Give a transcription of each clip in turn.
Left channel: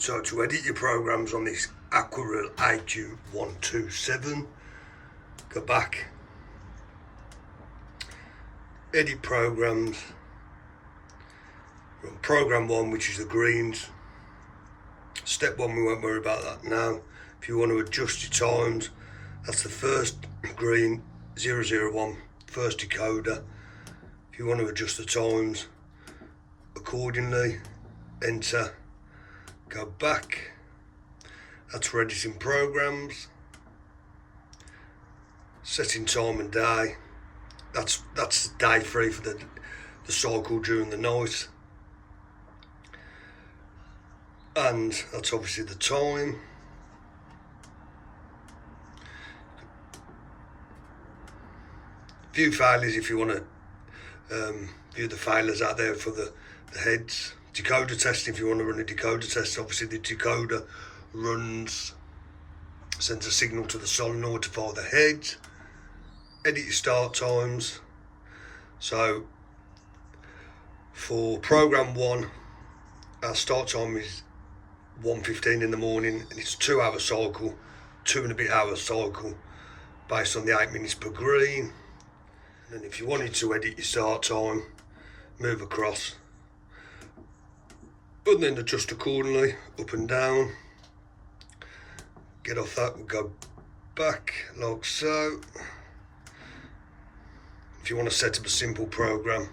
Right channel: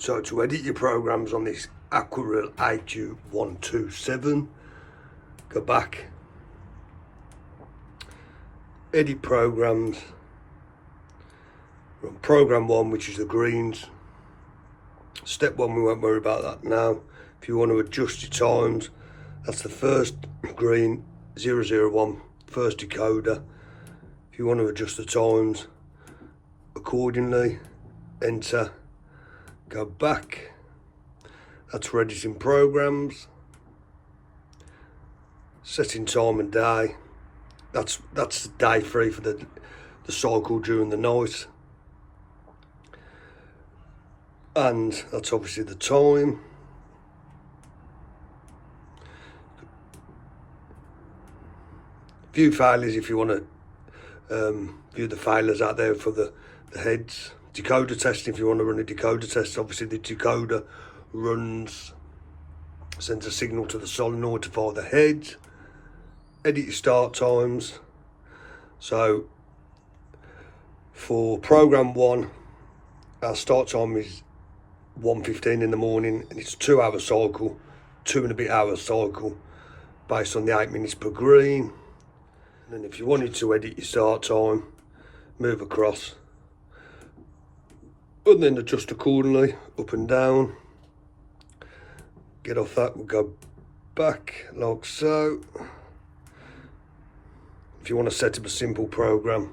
So to edit your programs on this Aquarille AQ 127, go back, edit programs, run program 1, which is the greens. Step 1, we won't worry about that now. If you want to adjust your times, that's the first green, 001, first decoder. If you want to adjust the times accordingly, enter, go back. That's for editing programs. Setting time and day. That's day 3 for the cycle during the night. And that's obviously the time. View failures if you want to view the failures out there for the heads. Decoder testing if you want to run a decoder test. Obviously the decoder sends a signal to the solenoid to fire the heads. Edit your start times. So for program 1, our start time is 1:15 in the morning, and it's a 2-hour cycle, 2 and a bit hour cycle, based on the 8 minutes per green. And then if you wanted to edit your start time, move across, and then adjust accordingly, up and down. Get off that, we'll go back like so. If you want to set up a simple program,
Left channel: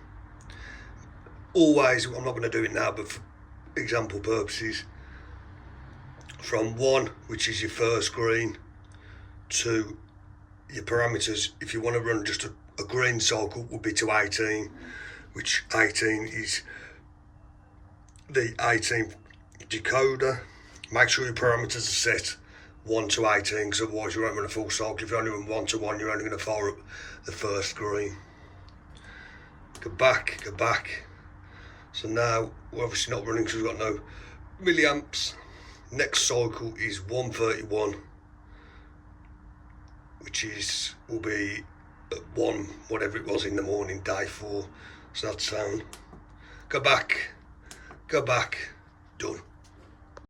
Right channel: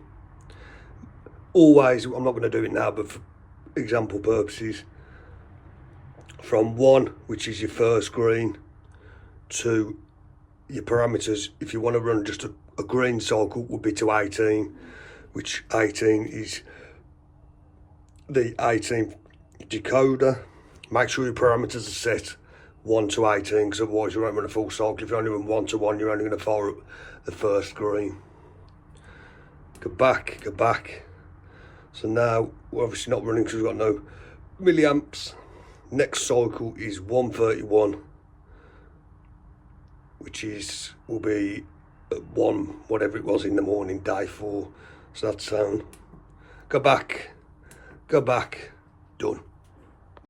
always, I'm not going to do it now, but for example purposes, from 1, which is your first green, to your parameters, if you want to run just a green cycle, would be to 18, which 18 is the 18th decoder. Make sure your parameters are set 1 to 18, because otherwise you won't run a full cycle. If you only run 1 to 1, you're only going to fire up the first green. Go back, go back. So now we're obviously not running because we've got no milliamps. Next cycle is 131, which will be at 1, whatever it was in the morning, day 4. So that's sound. Go back, done.